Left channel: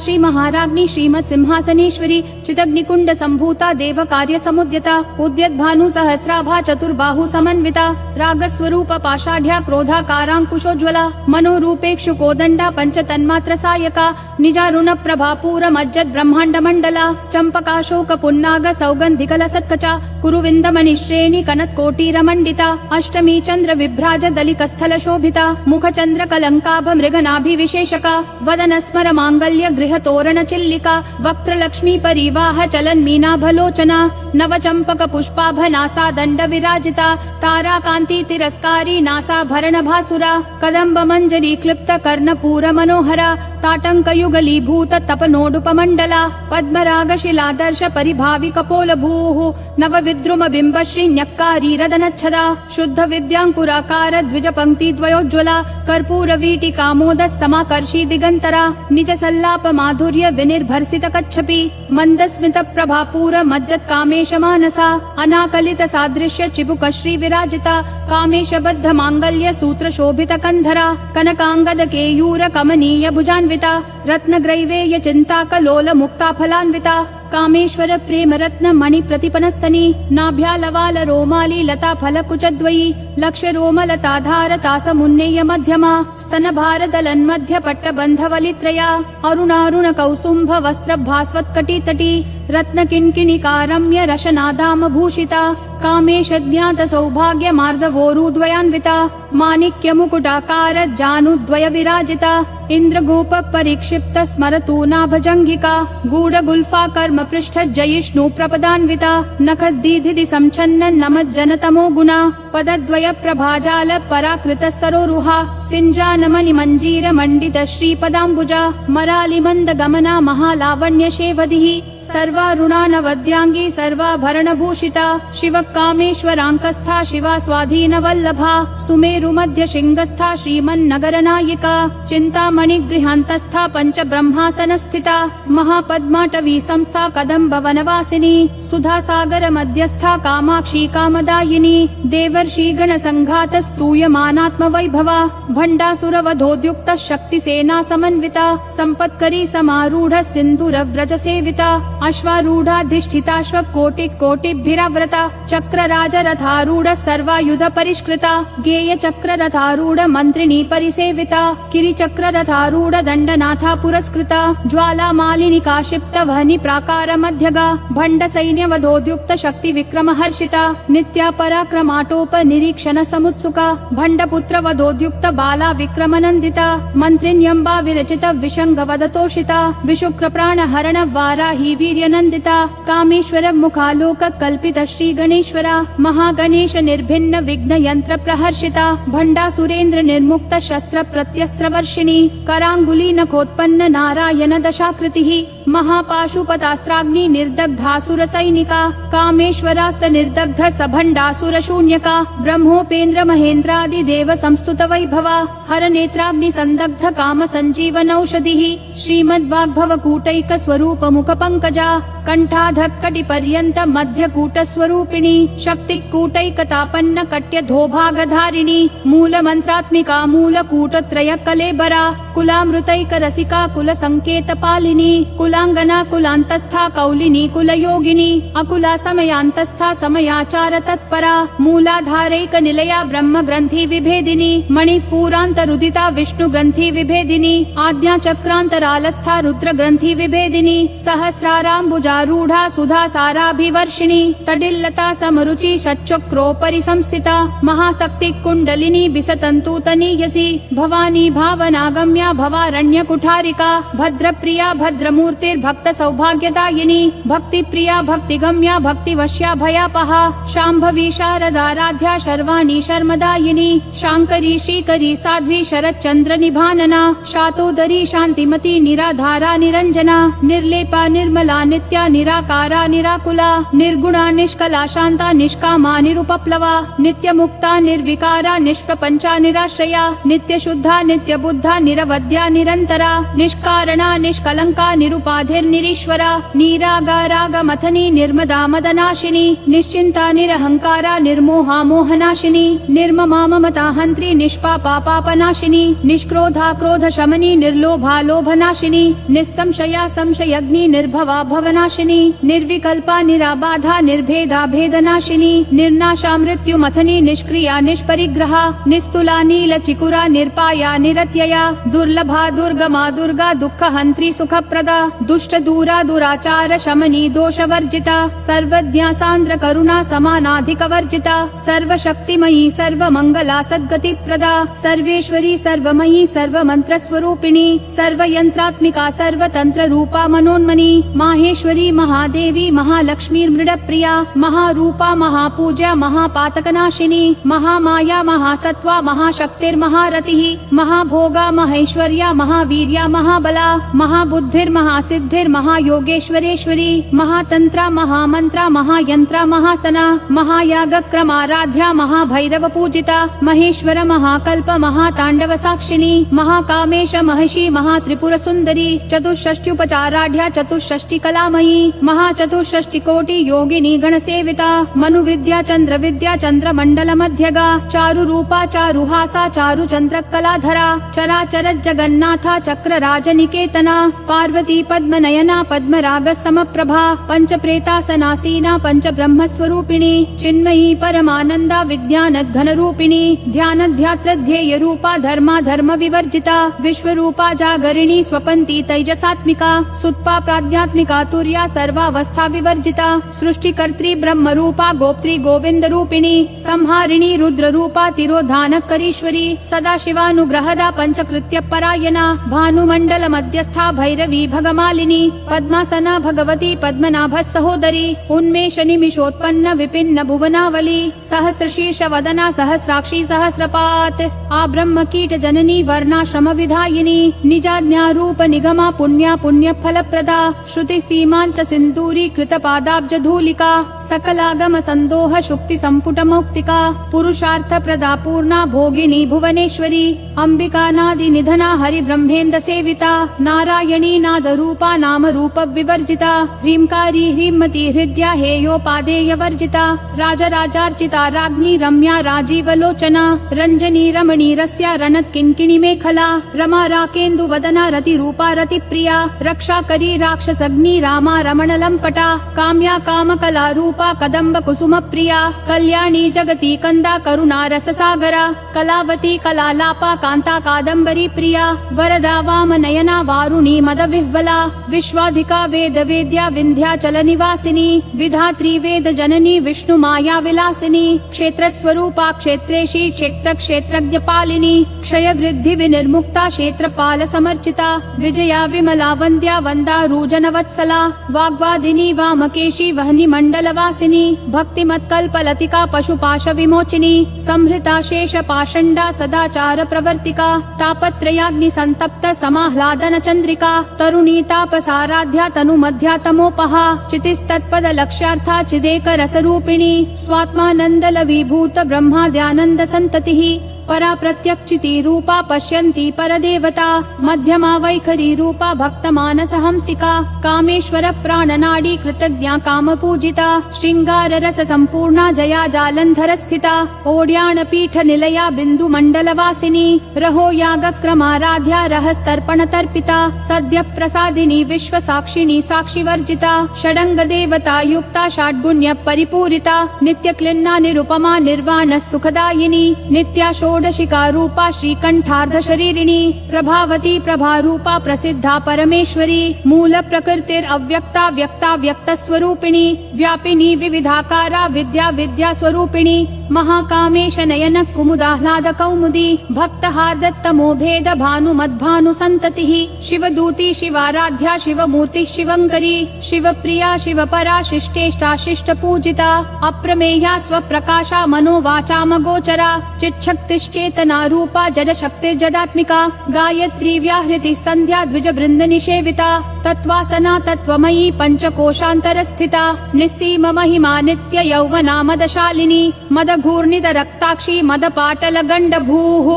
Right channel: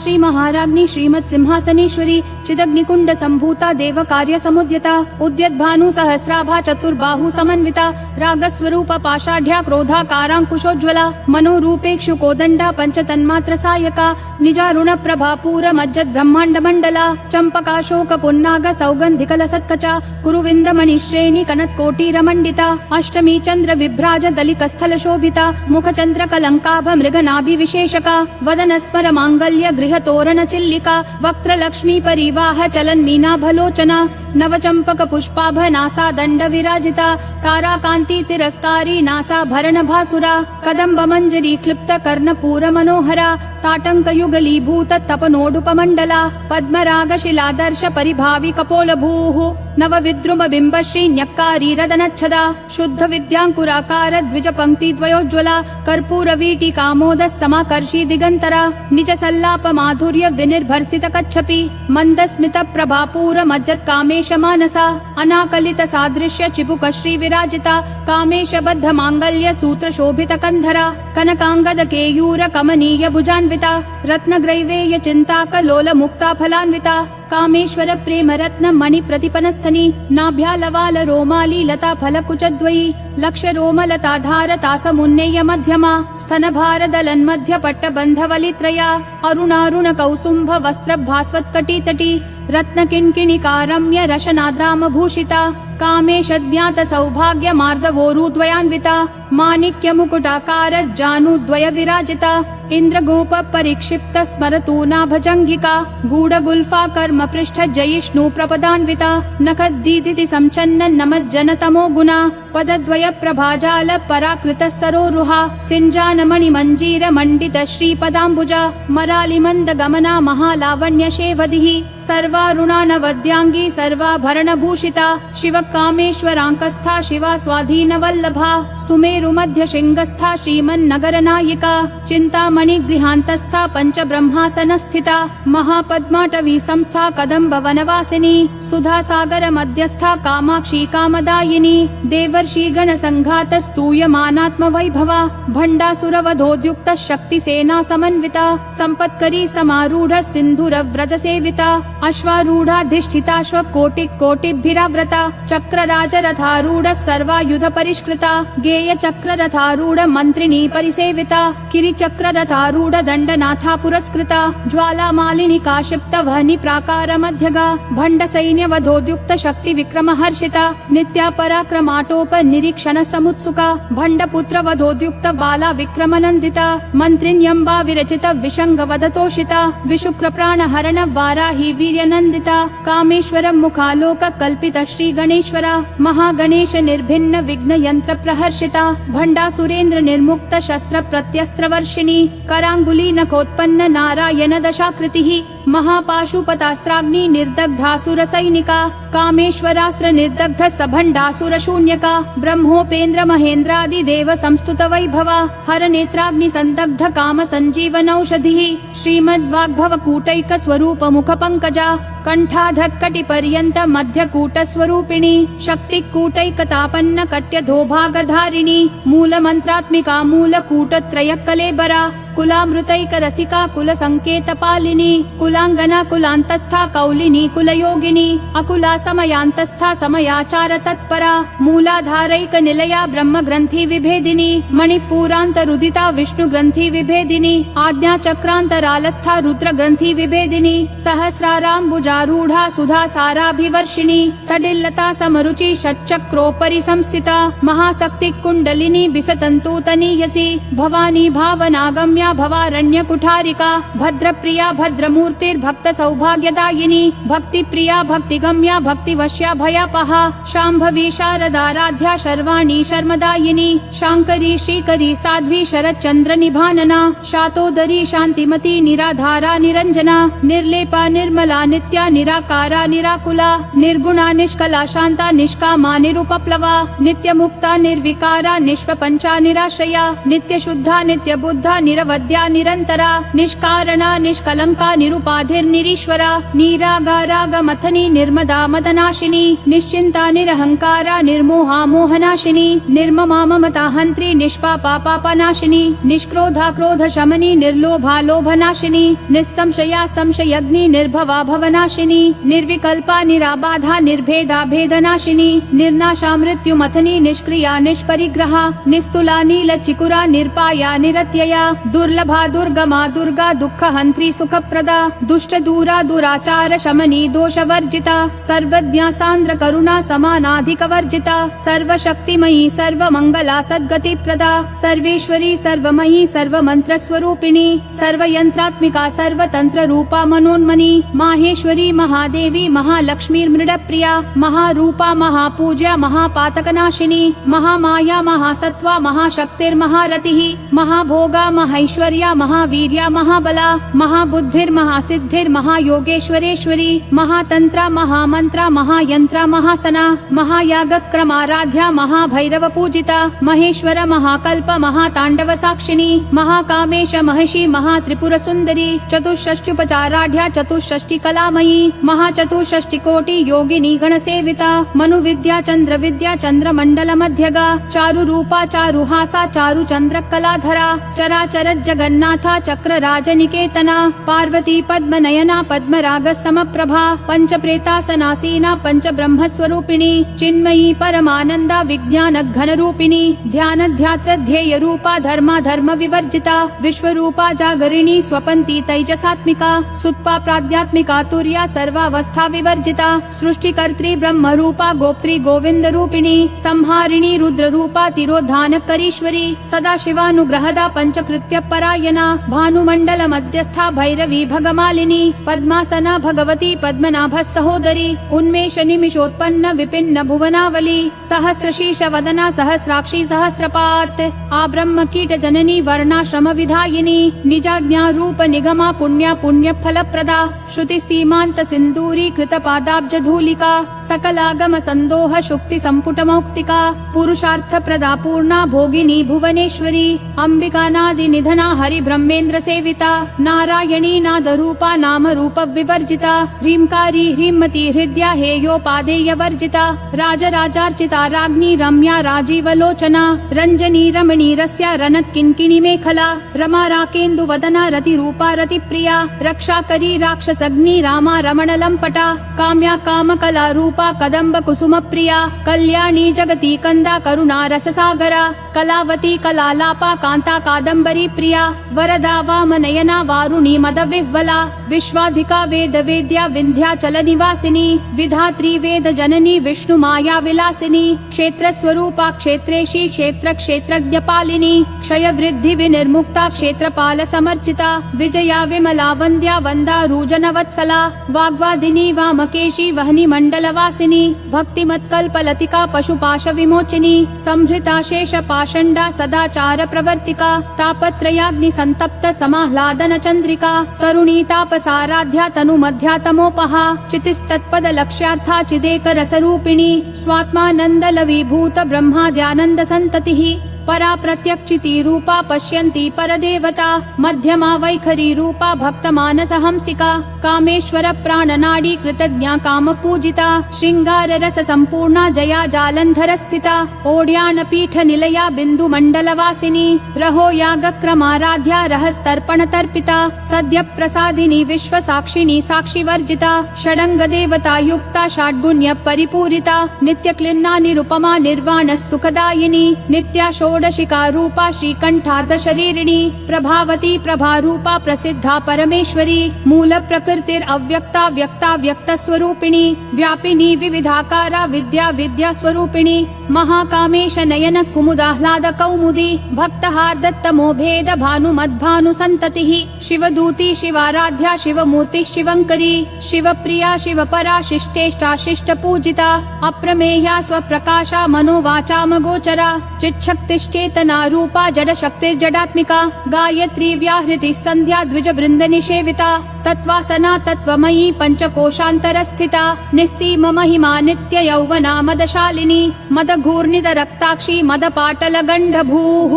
श्री महाराज्ञी श्रीमत् सिंहासनेश्वरी चिदग्निकुंड संभूता देव कार्य समुद्यता उद्यत भानु सहस्राभा चतुर्बाहु समन्विता रागस्वरूप पाषाढ़्या क्रोधाकारांकुशोज्ज्वला मनोरूपेक्षु कोदंडा पंच तन्मात्र सायका निजारुण प्रभा पूर मज्जत ब्रह्मांड मंडला चंपकाशोक पुन्नाग सौगंधिकल सत्कचा कुरुविंद मणिश्रेणी कनत कोटीर मंडिता अष्टमी चंद्र विभ्राज दलिक स्थल शोभिता मुख चंद्र कलंकाभ मृगनाभि विशेषका वदन स्मर मांगल्य गृह तोरण चिल्लिका वक्त्र लक्ष्मी परिवाह चलन मीनाभलोचना नव चंपक पुष्पाभ नासा दंड विराजिता तारा कांति तिरस्कारी नासा भरण भासुरा कदम्ब मंजरी क्लिप्त कर्ण पूर मनोहरा ताटंक युगलीभूत तपनोडुपमंडला पद्मराग शिलादर्श परिभावि कपोल भूः नव विद्रुम बिंब श्री न्यक्कारी रदनच्छदा शुद्ध विद्यांकुराकार द्विज पंक्ति द्वयोज्ज्वला कर्पूर वीटी कामोद समाकर्षी दिगंतरा निज सल्लाप माधुर्य विनिर्भर्सित कच्छपि मंद स्मित प्रभापूर मज्जत कामेश मानसा अनाकलित सादृश्य चिपुक श्री विराजिता कामेश बद्ध मांगल्य सूत्र शोभित कंधरा कनकांगद केयूर कमनीय भुजान्विता रत्न ग्रैवेय चिंता कलोल मुक्ता फलान्विता कामेश्वर प्रेम रत्न मणि प्रतिपनस्तनी नाभ्यालवाल रोमाली लता फल कुचद्वयी लक्ष रोमलता धारता समुन्नेय मध्यमा स्तन भार दलन मध्य पट्ट बंधवलित्रया अरुणारुण कौसुंभ वस्त्र भास्वत कटी तटी रत्न किंकिणिकारम्य रशनादाम भूषिता कामेश ज्ञात सौभाग्य मार्दवोरुद्वयान्विता माणिक्य मुकुटाकार जानुद्वय विराजिता इंद्र गोप परिक्षिप्त स्मरतूना भजंगिका गूढ़ गुल्फा कर्म पृष्ठ जयिष्णु प्रपदान्विता नखद्दीधिति संचन्न नमज्जन तमो गुणा पदद्वय प्रभाजाल पराकृत सरोरुहा सिंजान मणि मंजीर मंडित श्रीपदाम्बुजा मरालि मंद गमना महालावण्य शेवधिः सर्वारुणानवद्यांगी सर्वाभरण भूषिता शिव कामेश्वरांकस्था शिवा स्वाधीन वल्लभा सुमेरु मध्य शृंगस्था श्रीमन्नगर नायिका चिंतामणि गृहांतस्था पंच ब्रह्मासन स्थिता महापद्माटवी संस्था कदम्ब वनवासिनी सुधा सागर मध्यस्था कामाक्षी कामदायिनी देवर्षि गण संघात स्तूयमानात्म वैभवा भंडासुर वधोद्युक्त शक्ति सेना समन्विता संपत्करी समारूढ़ सिंधुर व्रज सेविता अश्वारूढ़ाधिष्ठिताश्व कोटि कोटिभिराव्रता चक्र राज रथारूढ़ सर्वायुध परिष्कृता गेय चक्र रथारूढ़ मंत्रिणी परिसेविता किरि चक्र रथारूढ़ दंडनाथा पुरस्कृता ज्वाला मालिनी काशिप्त वहनी प्राकार मध्यगा भंड सैन्य वधोद्युक्त शक्ति विक्रम हर्षिता नित्या पराक्रमाटोप निरीक्षण समुत्सुका भंड पुत्र वधोद्युक्त बाला विक्रम नंदिता मंत्रिण्यंबा विरचित विशंग वदतोषिता विशुक्र प्राण हरण वाराही वीर्यनंदिता कामेश्वर मुखालोक कल्पित श्री गणेश्वरा महागणेश निर्भिन्न विघ्न यंत्र प्रहर्षिता भंडा सुरेंद्र निर्मुक्त शस्त्र प्रत्यस्त्र वर्षिणी करांगुली नखोत्पन्न नारायण दशाकृतिः महापाशुपतास्त्राग्नि निर्दग्धासुर सैनिका कामेश्वरास्त्र निर्दग्ध सभंडासुर शून्यका ब्रह्मोपेन्द्र महेन्द्रादि देव संस्तुत वैभवा हर नेत्राग्नि संदग्ध काम संजीवन औषधिः श्रीमद्वाग्भव कूटैक स्वरूप मुख पंकजा कंठाधक्कटि पर्यंत मध्य कूट स्वरूपिणी शक्ति कूटैकतापन्न कट्य धोभागधारिणी मूल मंत्रात्मिका मूल कूट त्रय कलेबरा कुलामृतैक रसिका कुल संकेत पालिनी कुलांगना कुलांतस्था कौलिनी कुल योगिनी अकुला समयांतस्था समयाचार तत्परा मूलाधारैक निलया ब्रह्म ग्रंथि विभेदिनी मणिपूरांत रुदिता विष्णु ग्रंथि विभेदिनी आज्ञा चक्रांतरालस्था रुद्र ग्रंथि विभेदिनी सहस्राराम्बुजारूढ़ा सुधा साराभिवर्षिणी तडिल्लता समरुचि षट्चक्रोपरि संस्थिता महाशक्ति कुंडलिनी बिसतंतूतनीयसी भवानी भावनागम्या भवारण्य कुठारिका भद्रप्रिया भद्रमूर्तिर्भक्त सौभाग्यदायिनी भक्ति प्रिया भक्तिगम्या भक्तिवश्या भयापहा शांभवी शारदाराध्या शर्वाणी शर्मदायिनी शांकरी श्रीकरी साध्वी शरच्चंद्र निभानना शातोदरी शांतिमती निराधारा निरंजना निर्लेपा निर्मला निर्मला नित्या निराकारा निराकुला निर्गुणा निष्कला शांता निष्कामा निरुपप्लवा नित्य मुक्ता निर्विकारा निष्प्रपंचा निराश्रया नित्य शुद्धा नित्य बुद्धा निरवध्या निरंतरा निष्कारणा निष्कलंका निरुपाधिर्निरीश्वरा निरागारागमथनी निर्मदा मदनाशिनी निश्चिंता निरहंकारा निर्मोहा मोहनाशिनी निर्ममा ममता हंत्री निष्पापा पापनाशिनी निष्क्रोधा क्रोध शमनी निर्लोभा लोभनाशिनी निस्संशया संशयग्नि निर्भवा भवनाशिनी निर्विकल्पा निराबाधा निर्भेदा भेदनाशिनी निर्नाशा मृत्युमथनी निष्क्रिया निष्परिग्रहा निस्तुला नील चिकुरा निर्पाया निरत्यया दुर्लभा दुर्गमा दुर्गा दुःख हंत्री सुखप्रदा दुष्ट दूरा दुराचार शमनी दोषवर्जिता सर्वज्ञा सान्द्र करुणा समानाधिक वर्जिता सर्वशक्तिमयी सर्वमंगला सद्गति प्रदा सर्वेश्वरी सर्वमयी सर्वमंत्र स्वरूपिणी सर्वयंत्रात्मिका सर्वतंत्र रूपा मनोन्मनी माहेश्वरी महादेवी महालक्ष्मी मृडप्रिया महारूपा महापूज्या महापातकनाशिनी महामाया महासत्वा महाशक्तिर्महारतिः महाभोगा महैश्वर्या महावीर्या महाबला महाबुद्धिर्महासिद्धिर्महायोगेश्वरेश्वरी महातंत्रा महामंत्रा महायंत्रा महासना महायागक्रमाराध्या महाभैरव पूजिता महेश्वर महाकल्प महातांडव साक्षिणी महाकामेश महिषी महात्रिपुर सुंदरी चतुष्षष्ट्युपचाराढ्या चतुष्षष्टि कलामयी महाचतुष्षष्टि कोटि योगिनी गणसेविता मनु विद्या चंद्र विद्या चंद्रमंडल मध्यगा चारु रूपा चारुहासा चारु चंद्र कलाधरा चराचर जगन्नाथा चक्र राजनिकेतना पार्वती पद्मनयना पद्मराग समप्रभा पंच प्रेतासनासीना पंच ब्रह्म स्वरूपिणी चिन्मयी परमानंदा विज्ञान घन रूपिणी ध्यान ध्यात्र ध्येय रूपा धर्मा धर्म विवर्जिता विश्वरूपा जागरिणी स्वपंती तैजसात्मिका सुत्पा प्राध्यात्मिका तुर्या सर्वावस्था विवर्जिता सृष्टिकर्त्री ब्रह्म रूपा गोप्त्री गोविंद रूपिणी संहारिणी रुद्र रूपा तिरोधानकरीश्वरी सदा शिवानुग्रहदा पंचकृत्य परायणा भानुमंडल मध्यस्था भैरवी भगमालिनी पद्मासना भगवती पद्मनाभ सहोदरी उन्मेष निमिषोत्पन्न विपिन्न भुवनावली सहस्रशीर्ष वदना सहस्राक्षी सहस्रपात आ ब्रह्म कीट जननी वर्णाश्रम विधायिनी निजाज्ञा रूप निगमा पुण्या पुण्य फल प्रदा श्रुति सीमांत सिंदूरी कृत पादाब्ज धूलिका सकलागम संदोह शुक्ति संपुट मौक्तिका पुरुषार्थ प्रदा पूर्णा भोगिनी भुवनेश्वरी अंबिका नादि निधना हरि ब्रह्मेन्द्र सेविता नारायणी नाद रूपा नाम रूप विवर्जिता ह्रींकारी ह्रीमती हृदया हेयोपादेय वर्जिता राजराजार्चिता राज्ञी रम्या राजीवलोचना रंजनी रमणी रस्या रनत किंकिणी मेखला रमा राकेन्दु वदना रति रूपा रति प्रिया रक्षा करी राक्षसग्नि रामा रमण लंपटा काम्या काम कला रूपा कदम्ब कुसुम प्रिया कल्याणी जगती कंदा करुणा रस सागरा कलावती कलालापा कांता कादम्बरी प्रिया वरदा वाम नयना वारुणी मद विह्वला विश्वाधिका वेद वेद्या विंध्याचल निवासिनी विधात्री वेद जननी विष्णु माया विलासिनी क्षेत्र स्वरूपा क्षेत्रेशी क्षेत्र क्षेत्रज्ञ पालिनी क्षय वृद्धि विनिर्मुक्ता क्षेत्रपाल समर्चिता विजया विमला वंद्या वंदा रूजन वत्सला वाग्वादिनी वामकेशी वहनी मंडल वासिनी भक्तिमत्कल्प लतिका पशुपाश विमोचिनी संभृता शेष पाषंडा सदाचार प्रवर्तिका तापत्रयाग्नि संतप्त समाह्लादन चंद्रिका तरुणी तापसाराध्या तनु मध्या तमोपहा चितिस्तत्पद लक्ष्यार्था चिदेक रस रूपिणी स्वात्मानंद लवीभूत ब्रह्माद्यानंद संततिः परा प्रत्यक्षिति रूपा पश्यन्ति परदेवता मध्यमा वैखरी रूपा भक्त मानस हंसिका कामेश्वर प्राणनाडी कृतज्ञा काम पूजिता श्रृंगार रस संपूर्णा जया जालंधर स्थिता ओड्यान पीठ निलया बिंदु मंडल वासिनी रहो याग क्रमाराध्या रहस्तर्पण तर्पिता सद्य प्रसादिनी विश्व साक्षिणी साक्षी वर्जिता षडंग देवता युक्ता षड्गुण्य परिपूरिता नित्य क्लिन्ना निरुपमा निर्वाण सुखदायिनी नित्या षोडशिका रूपा श्रीकंठार्ध शरीरिणी प्रभावती प्रभा रूपा प्रसिद्धा परमेश्वरी मूल प्रकृतिर अव्यक्ता व्यक्ता व्यक्त स्वरूपिणी व्यापिनी विविधाकारा विद्या विद्या स्वरूपिणी महाकामेश नयन कुमुदाह्लाद कौमुदी भक्त हार्दत्तमो भेद भानु मद्भानु संततिः शिवदूती शिवाराध्या शिवमूर्ति शिवंकरी शिवप्रिया शिवपरा शिष्टेष्टा शिष्ट पूजिता अप्रमेया स्वप्रकाशा मनोवाचाम गोचरा चिच्छक्तिश्चेतना रूपा जड शक्ति जडात्मिका गायत्री व्याहृति संध्या द्विज वृंद निषेविता तत्त्वासना तत्त्वमयी पंचकोशान्तरस्थिता निस्सीम महिमा नित्य यौवना मदशालिनी मदघूर्णित रक्ताक्षी मदपाटल गण्डभूः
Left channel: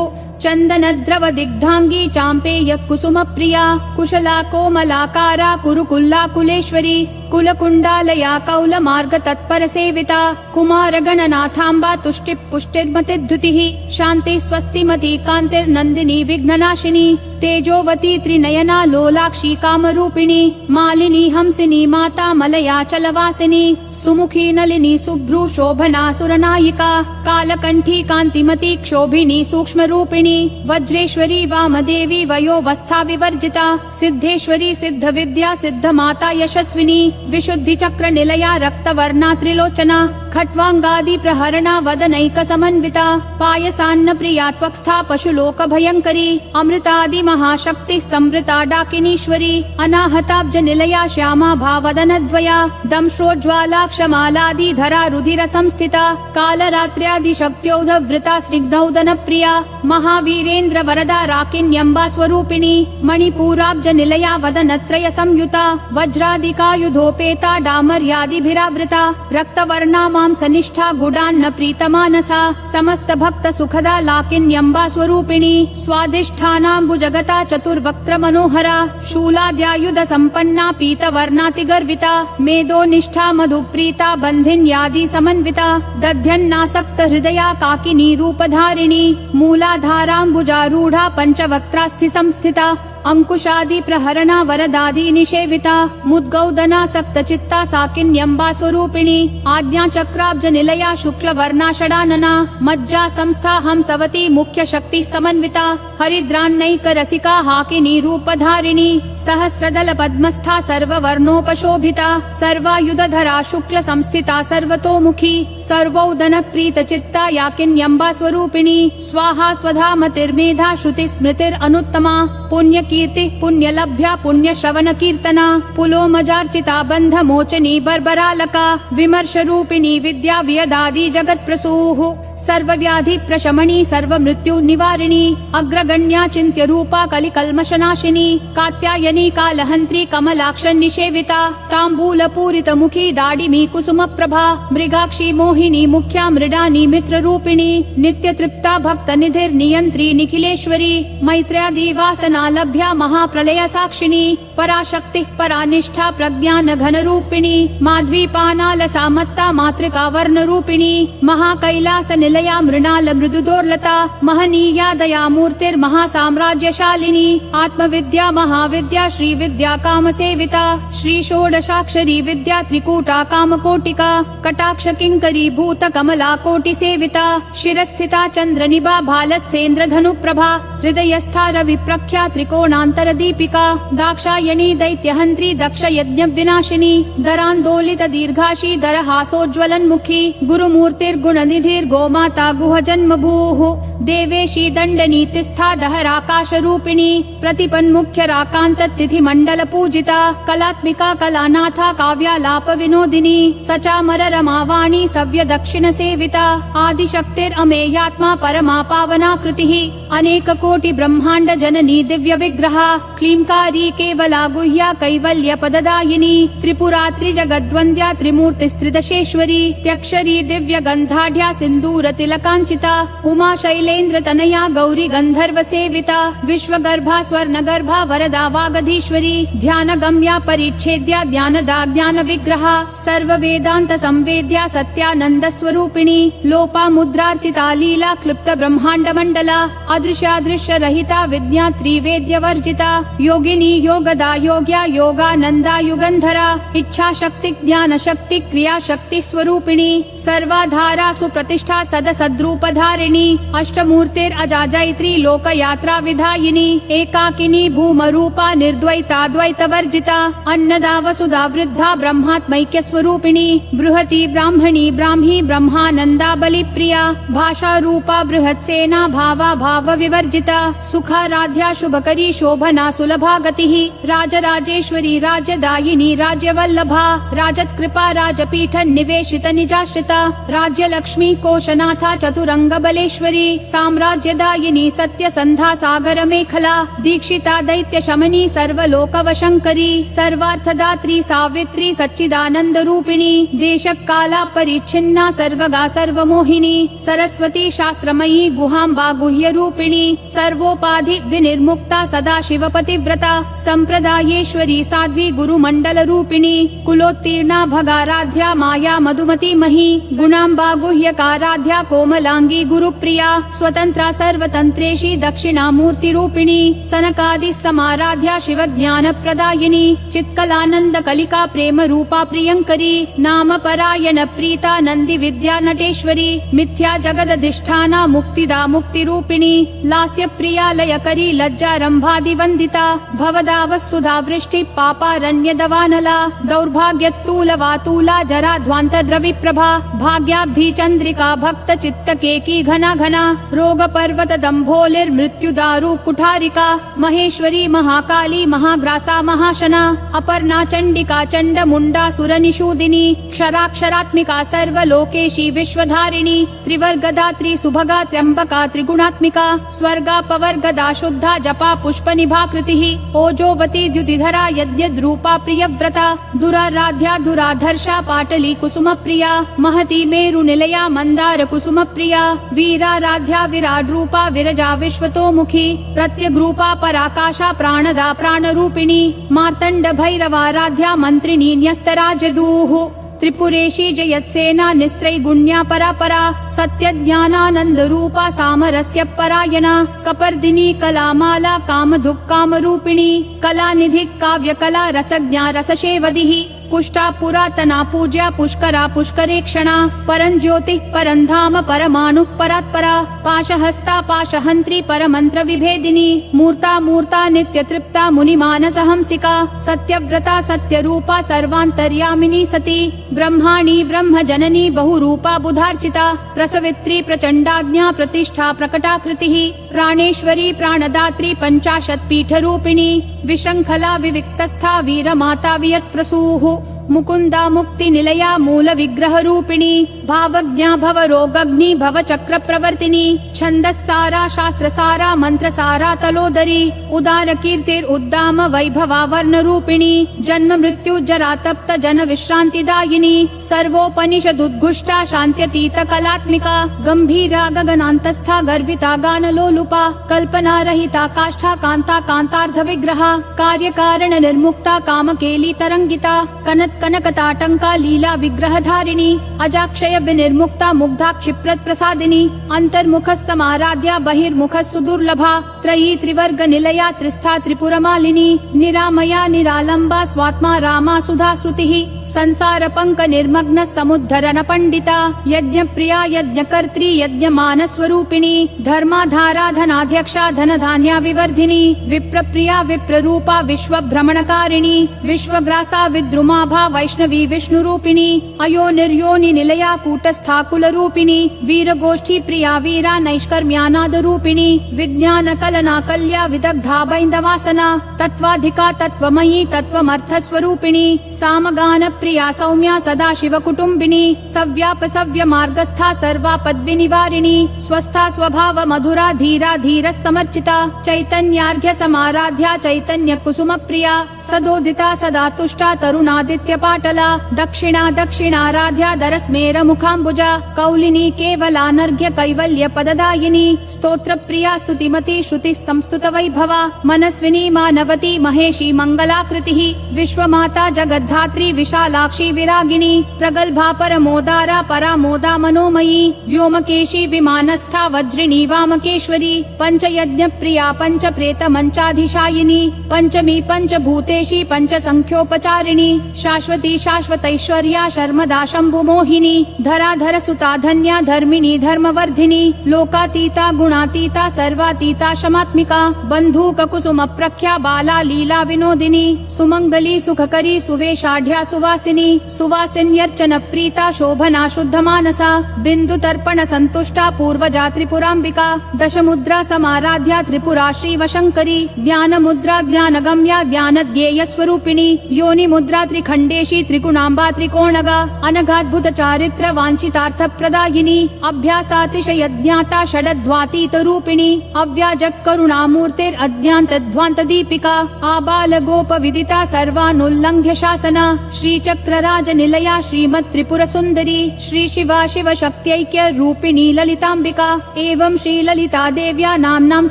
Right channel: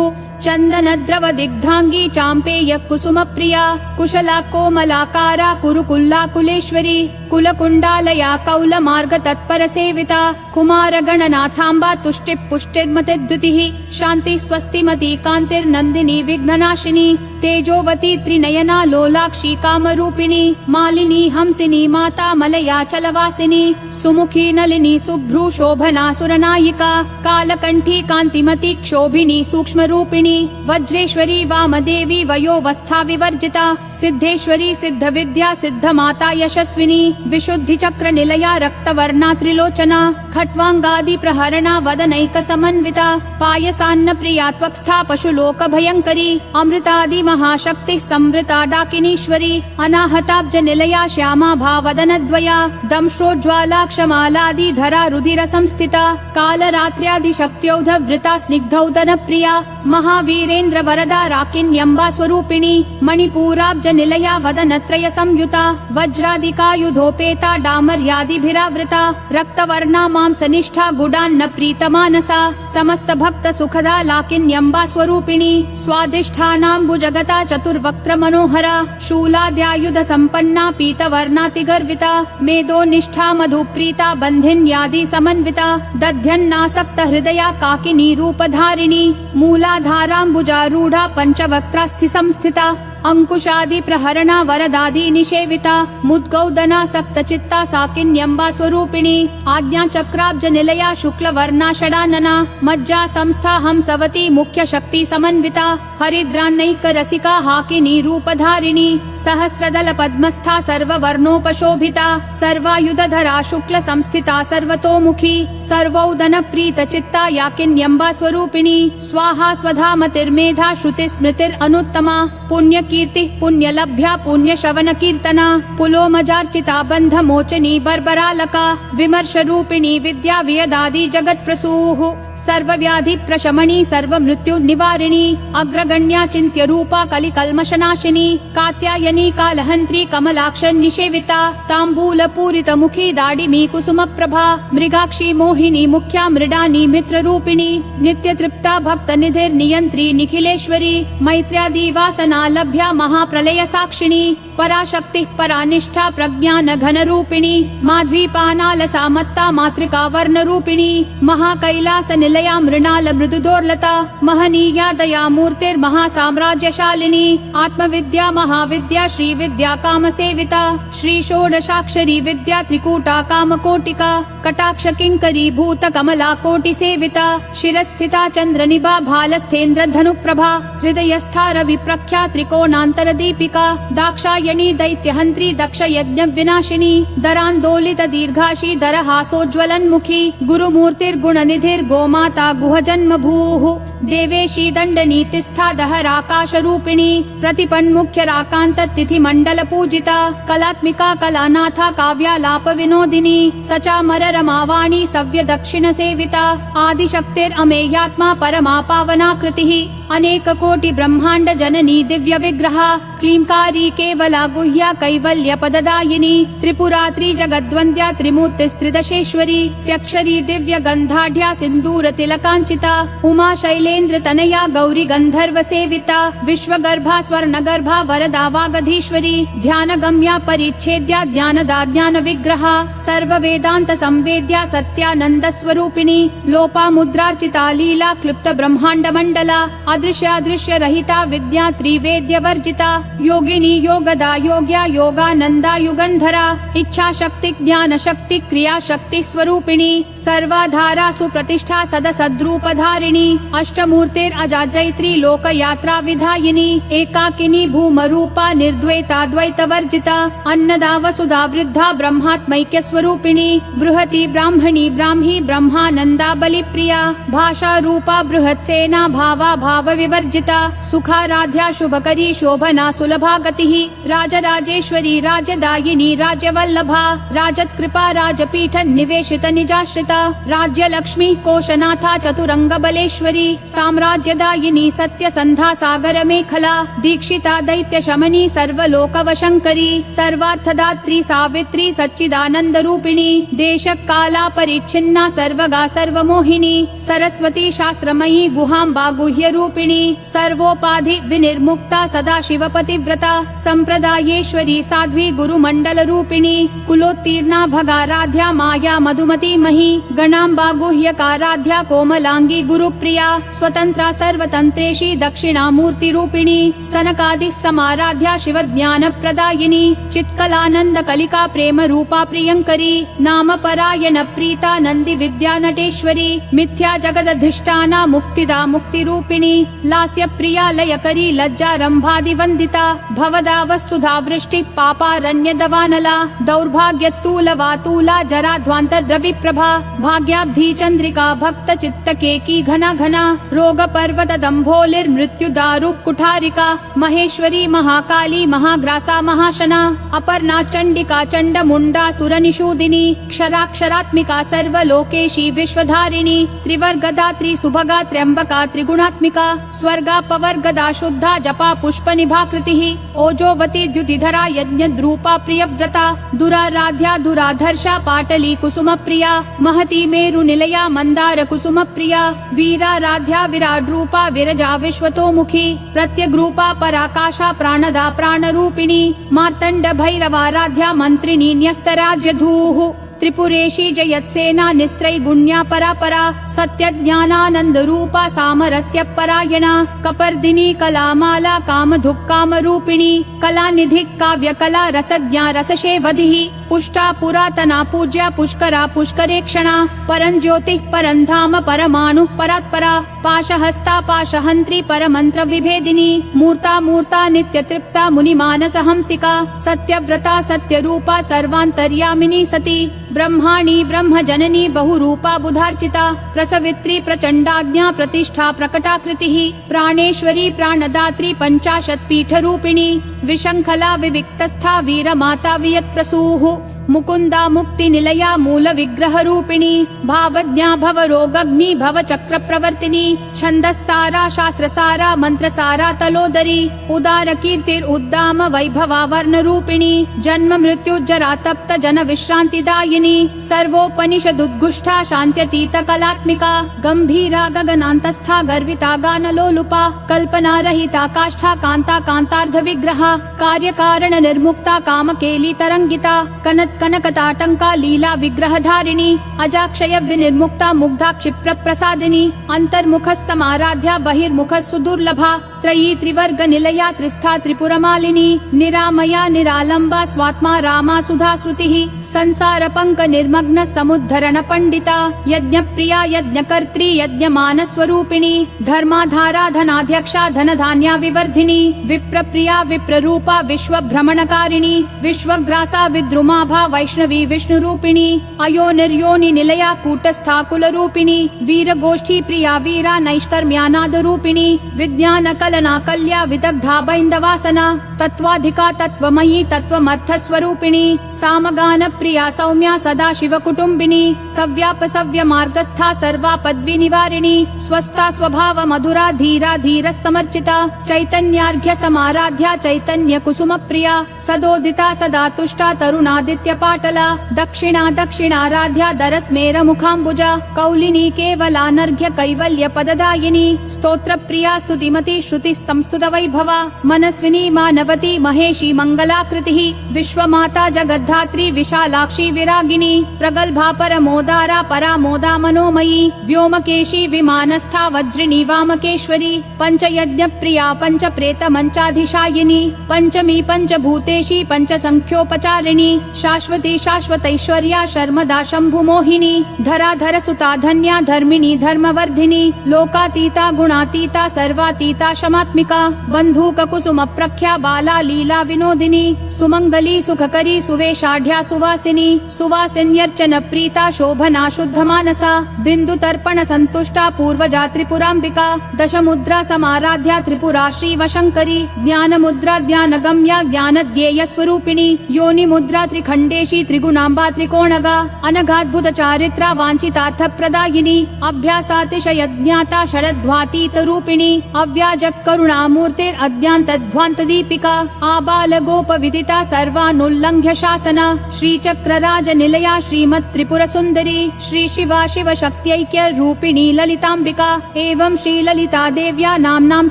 चन्दनद्रव दिग्धांगी चाम्पेय कुसुम प्रिया कुशला कोमलाकारा कुरुकुल्लाकुलेश्वरी कुलकुण्डालया कौलमार्ग तत्पर सेविता कुमार गणनाथाम्बा तुष्टि पुष्टिर्मति द्युतिः शान्ति स्वस्तिमती कान्तिर्नन्दिनी विघ्ननाशिनी तेजोवती त्रिनयना लोलाक्षी कामरूपिणी मालिनी हंसिनी माता मलया चलवासिनी सुमुखी नलिनी सुभ्रू शोभना सुरनायिका कालकंठी कांतिमती क्षोभिनी सूक्ष्म रूपिणी वज्रेश्वरी वामदेवी वयोवस्था विवर्जिता सिद्धेश्वरी सिद्ध विद्या सिद्ध माता यशस्विनी विशुद्धि चक्र निलया रक्तवर्णा त्रिलोचना खट्वांगादि प्रहरणा वदनैक समन्विता पायसान्न प्रिया त्वक्स्था पशुलोक भयंकरी अमृतादि महाशक्ति संवृता डाकिनीश्वरी अनाहताब्ज निलया श्यामा भावदनद्वया दंश्रोज्ज्वाला क्षमालादि धरा रुधिर संस्थिता कालरात्र्यादि शक्त्योधवृता स्निग्धौदन प्रिया महावीरेन्द्र वरदा राकिन्यम्बा स्वरूपिणी मणिपूराब्ज निलया वदनत्रय संयुता वज्रादिकायुधोपेता डामर्यादिभिरावृता रक्तवर्णा मांसनिष्ठा गुडान्न प्रीतमानसा समस्त भक्त सुखदा लाकिन्यम्बा स्वरूपिणी स्वादिष्ठानाम्बुजगता चतुर्वक्त्र मनोहरा शूलाद्यायुध संपन्ना पीतवर्णातिगर्विता मेदोनिष्ठा मधुप्रीता बन्धिन्यादि समन्विता दध्यन्नासक्त हृदया काकिनी रूपधारिणी मूलाधाराम्बुजारूढ़ा पंचवक्त्रास्थि संस्थिता अंकुशादि प्रहरणा वरदादि निषेविता मुद्गौदना सक्त चित्ता साकिन्यम्बा स्वरूपिणी आज्ञा चक्राब्ज निलया शुक्ल वर्णा षडानना मज्जा संस्था हंसवती मुख्य शक्ति समन्विता हरिद्रान्नैक रसिका हाकिनी रूपधारिणी सहस्रदल पद्मस्था सर्ववर्णोपशोभिता सर्वायुधधरा शुक्ल संस्थिता सर्वतोमुखी सर्वौदन प्रीत चित्ता याकिन्यम्बा स्वरूपिणी स्वाहा स्वधा मतिर्मेधा श्रुति स्मृतिर अनुत्तमा पुण्य कीर्ति पुण्य लभ्या पुण्य श्रवण कीर्तना पुलोमजार्चिता बंध मोचनी बर्बरालका विमर्श रूपिणी विद्या वियदादि जगत प्रसूः सर्वव्याधि प्रशमनी सर्व मृत्यु निवारिणी अग्रगण्या चिन्त्य रूपा कलिकल्मषनाशिनी कात्यायनी कालहन्त्री कमलाक्ष निषेविता ताम्बूल पूरित मुखी दाडिमी कुसुम प्रभा मृगाक्षी मोहिनी मुख्या मृडानी मित्र रूपिणी नित्य तृप्ता भक्त निधिर नियंत्री निखिलेश्वरी मैत्र्यादि वासना लभ्या महाप्रलय साक्षिणी पराशक्ति परानिष्ठा प्रज्ञान घन रूपिणी माध्वीपानाल सामत्ता मातृका वर्ण रूपिणी महाकैलास निलया मृणाल मृदुदोर्लता महनीया दया मूर्तिर् महासाम्राज्यशालिनी आत्मविद्या महाविद्या श्री विद्या काम सेविता श्री षोडशाक्षरी विद्या त्रिकूटा कामकोटिका कटाक्ष किंकरी भूत कमला कोटि सेविता शिरस्थिता चंद्र निभा भालस्थेन्द्र धनुप्रभा हृदयस्था रवि प्रख्या त्रिकोणांतर दीपिका दाक्षायणी दैत्यहंत्री दक्ष यज्ञ विनाशिनी दरांदोलित दीर्घाशी दरहासोज्ज्वलन्मुखी गुरुमूर्तिर्गुण निधिर् गोमाता गुह जन्म भूः देवेशी दंड नीतिस्था दहराकाश रूपिणी प्रतिपन्मुख्य राकांत तिथि मंडल पूजिता कलात्मिका कलानाथा काव्यालाप विनोदिनी सचामर रमावाणी सव्य दक्षिण सेविता आदिशक्तिर अमेयात्मा परमा पावना कृतिः अनेक कोटि ब्रह्मांड जननी दिव्य विग्रहा क्लींकारी केवला गुह्या कैवल्य पददायिनी त्रिपुरात्रि जगद्वन्द्या त्रिमूर्तिस्त्रिदशेश्वरी त्यक्षरी दिव्य गंधाढ्या सिंदूर तिलकांचिता उमा शैलेन्द्र तनया गौरी गंधर्व सेविता विश्वगर्भा स्वर्णगर्भा वरदा वागधीश्वरी ध्यान गम्या परिच्छेद्या ज्ञानदा ज्ञान विग्रहा सर्व वेदांत संवेद्या सत्यानंद स्वरूपिणी लोपा मुद्रार्चिता लीला क्लुप्त ब्रह्मांड मंडला अदृश्यादृश्य रहिता विद्या त्रिवेद्य वर्जिता योगिनी योगदा योग्या योगानंदा युगंधरा इच्छा शक्ति ज्ञान शक्ति क्रिया शक्ति स्वरूपिणी सर्वाधारा सुप्रतिष्ठा सद सद्रूपधारिणी अष्टमूर्तिर अजा जैत्री लोक यात्रा विधायिनी एकाकिनी भूम रूपा निर्द्वैता द्वैत वर्जिता अन्नदा वसुधा वृद्धा ब्रह्मात्मैक्य स्वरूपिणी बृहति ब्राह्मणी ब्राह्मी ब्रह्मानंदा बलि प्रिया भाषा रूपा बृहत् सेना भावा भाव विवर्जिता सुखाराध्या शुभकरी शोभना सुलभा गतिः राजराजेश्वरी राजदायिनी राज्यवल्लभा राजत्कृपा राजपीठ निवेशित निजाश्रिता समर्चिता राज्यलक्ष्मी कोशनाथा चतुरंगबलेश्वरी साम्राज्यदायिनी सत्यसन्धा सागर मेखला दीक्षिता दैत्य शमनी सर्वलोकवशंकरी सर्वार्थदात्री सावित्री सच्चिदानंद रूपिणी देशकाला परिच्छिन्ना सर्वगा सर्वमोहिनी सरस्वती शास्त्रमयी गुहाम्बा गुह्य रूपिणी सर्वोपाधि विनिर्मुक्ता सदा शिवपतिव्रता संप्रदायेश्वरी साध्वी गुरुमंडल रूपिणी कुलोत्तीर्णा भगाराध्या माया मधुमती मही गणाम्बा गुह्यकाराध्या कोमलांगी गुरुप्रिया स्वतंत्रा सर्वतंत्रेशी दक्षिणामूर्ति रूपिणी सनकादि समाराध्या शिव ज्ञान प्रदायिनी चित्कलानंद कलिका प्रेम रूपा प्रियंकरी नाम परायण प्रीता नंदी विद्या नटेश्वरी मिथ्या जगदधिष्ठाना मुक्तिदा मुक्ति रूपिणी लास्य प्रिया लयकरी लज्जा रंभादि वंदिता भवदाव सुधा वृष्टि पापारण्य दवानला दौर्भाग्यतूल वातूला जरा ध्वांतर रवि प्रभा भाग्याब्धि चंद्रिका भक्त चित्त केकी घना घना रोग पर्वत दंभोलिर मृत्यु दारु कुठारिका महेश्वरी महाकाली महाग्रासा महाशना अपर्णा चंडिका चंड मुंडा सुर निषूदिनी क्षराक्षरात्मिका सर्वलोकेशी विश्वधारिणी त्रिवर्गदा त्रिसुभगा त्र्यंबका त्रिगुणात्मिका स्वर्गा पवर्गदा शुद्धा जपा पुष्प निभाकृतिः ओजोवती द्युतिधरा यज्ञद्रूपा प्रियव्रता दुराराध्या दुराधर्षा पाटली कुसुम प्रिया महती मेरु निलया मंदार कुसुम प्रिया वीराराध्या विराट रूपा विरजा विश्वतोमुखी प्रत्यग्रूपा पराकाशा प्राणदा प्राण रूपिणी मार्तंड भैरवाराध्या मंत्रिणी न्यस्तराजधूः त्रिपुरेशी जयत्सेना निस्त्रैगुण्या परापरा सत्य ज्ञानानंद रूपा सामरस्य परायणा कपर्दिनी कलामाला काम धुक् काम रूपिणी कलानिधि काव्य कला रसज्ञा रसशेवधिः पुष्टा पुरातना पूज्या पुष्करा पुष्करेक्षणा परं ज्योतिः परं धाम परमाणु परात्परा पाशहस्ता पाशहन्त्री परमंत्र विभेदिनी मूर्ता मूर्ता नित्य तृप्ता मुनिमानस हंसिका सत्यव्रता सत्यरूपा सर्वान्तर्यामिनी सती ब्रह्माणी ब्रह्म जननी बहुरूपा बुधार्चिता प्रसवित्री प्रचंडाज्ञा प्रतिष्ठा प्रकटाकृतिः प्राणेश्वरी प्राणदात्री पंचाशत् पीठ रूपिणी विशंखला विविक्तस्था वीरमाता वियत्प्रसूः मुकुंदा मुक्ति निलया मूल विग्रह रूपिणी भावज्ञा भव रोगग्नि भव चक्र प्रवर्तिनी छंदस्सारा शास्त्र सारा मंत्र सारा तलोदरी उदार कीर्तिर उद्दाम वैभवा वर्ण रूपिणी जन्म मृत्यु जरा तप्त जन विश्रांतिदायिनी सर्वोपनिषद उद्घुष्टा शांत्यतीत कलात्मिका गंभीरा गगनांतस्था गर्विता गान लोलुपा कल्पना रहिता काष्ठा कांता कांतार्ध विग्रहा कार्य कारण निर्मुक्ता काम केली तरंगिता कनक कनकताटंका लीला विग्रह धारिणी अजाक्षय विनिर्मुक्ता मुग्धा क्षिप्रत प्रसादिनी अंतर्मुख समाराध्या बहिर्मुख सुदुर्लभा त्रयी त्रिवर्ग निलया त्रिस्था त्रिपुरमालिनी निरामया निरालंबा स्वात्मा रामा सुधा श्रुतिः संसार पंक निर्मग्न समुद्धरण पंडिता यज्ञ प्रिया यज्ञ कर्त्री यज्ञ मान स्वरूपिणी धर्माधारा धनाध्यक्षा धन धान्या विवर्धिनी विप्र प्रिया विप्र रूपा विश्व भ्रमणकारिणी विश्वग्रासा विद्रुमाभा वैष्णवी विष्णु रूपिणी अयो निर्योनि निलया कूटस्था कुल रूपिणी वीर गोष्ठी प्रिया वीरा नैष्कर्म्यानाद रूपिणी विज्ञान कलना कल्या विदग्धा बैन्दवासना तत्वाधिका तत्वमयी तत्वमर्थ स्वरूपिणी सामगान प्रिया सौम्या सदा शिव कुटुंबिनी सव्याप सव्य मार्गस्था सर्वा पद्वी निवारिणी स्वस्था स्वभाव मधुरा धीरा धीर समर्चिता चैतन्यार्घ्य समाराध्या चैतन्य कुसुम प्रिया सदोदिता सदा तुष्टा तरुणादित्य पाटला दक्षिणा दक्षिणाराध्या दरस्मेर मुखाम्बुजा कौलिनी केवलानर्घ्य कैवल्य पददायिनी स्तोत्र प्रिया स्तुतिमती श्रुति संस्तुत वैभवा मनस्विनी मानवती महेशी मंगलाकृतिः विश्वमाता जगद्धात्री विशालाक्षी विरागिणी प्रगल्भा परमोदारा परामोदा मनोमयी व्योमकेशी विमानस्था वज्रिणी वामकेश्वरी पंचयज्ञ प्रिया पंच प्रेत मंचाधिशायिनी पंचमी पंचभूतेशी पंच संख्योपचारिणी शाश्वती शाश्वतैश्वर्या शर्मदा शंभु मोहिनी धराधर सुता धन्या धर्मिणी धर्मवर्धिनी लोकातीता गुणातीता सर्वातीता शमात्मिका बंधूक कुसुम प्रख्या बाला लीला विनोदिनी सुमंगली सुखकरी सुवेशाढ्या सुवासिनी सुवासिन्यर्चन प्रीता शोभना शुद्ध मानसा बिंदु तर्पण संतुष्टा पूर्वजा त्रिपुरांबिका दश मुद्रा समाराध्या त्रिपुरा श्रीवशंकरी ज्ञान मुद्रा ज्ञान गम्या ज्ञान ज्ञेय स्वरूपिणी योनि मुद्रा त्रिखंडी त्रिपुरेशी त्रिगुणाम्बा त्रिकोणगा अनघाद्भुत चारित्र वाञ्छितार्थ प्रदायिनी अभ्यासातिशय ज्ञाता षडध्वातीत रूपिणी अव्याजक करुणामूर्तेरद्भ्यान्तध्वान्त दीपिका आबाल गोप विदिता सर्वानुल्लङ्घ्य शासना श्रीचक्रराज निलया श्रीमत् त्रिपुर सुन्दरी श्री शिवा शिव शक्त्यैक्य रूपिणी ललिताम्बिका एवं श्री ललिता देव्या नाम्नां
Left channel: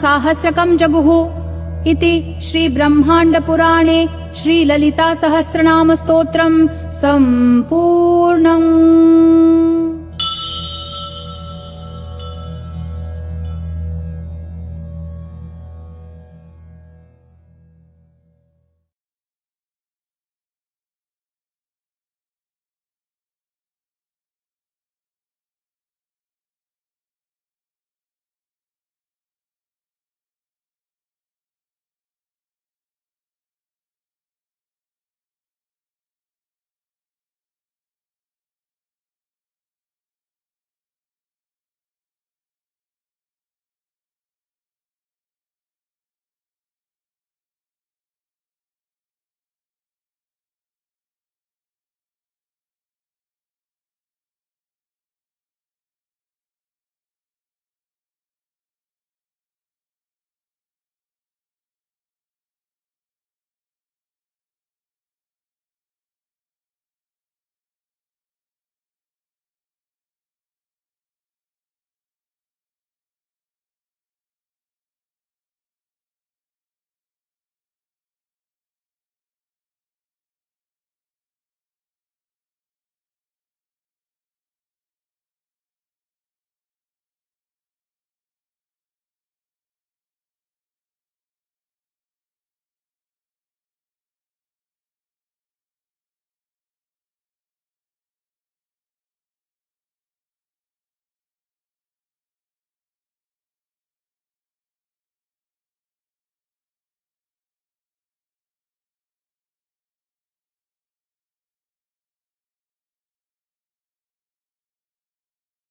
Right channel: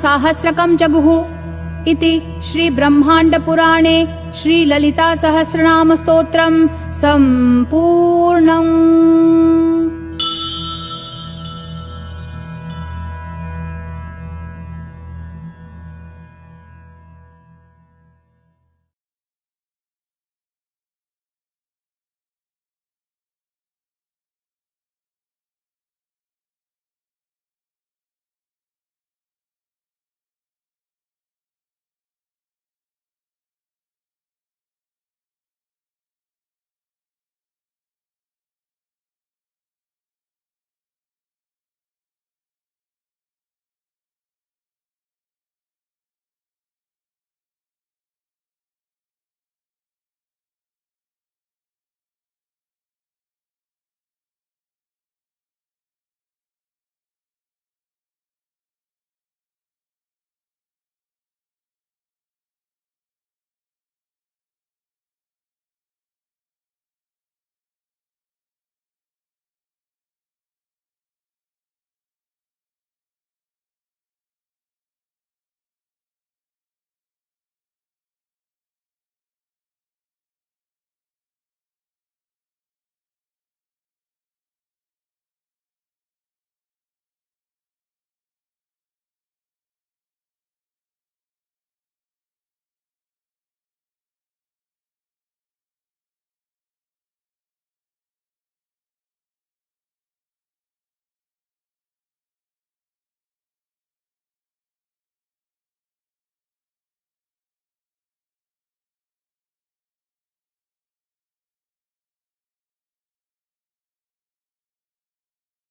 साहस्रकं जगुः इति श्री ब्रह्माण्ड पुराणे श्री ललिता सहस्रनाम स्तोत्रम् सम्पूर्णम्।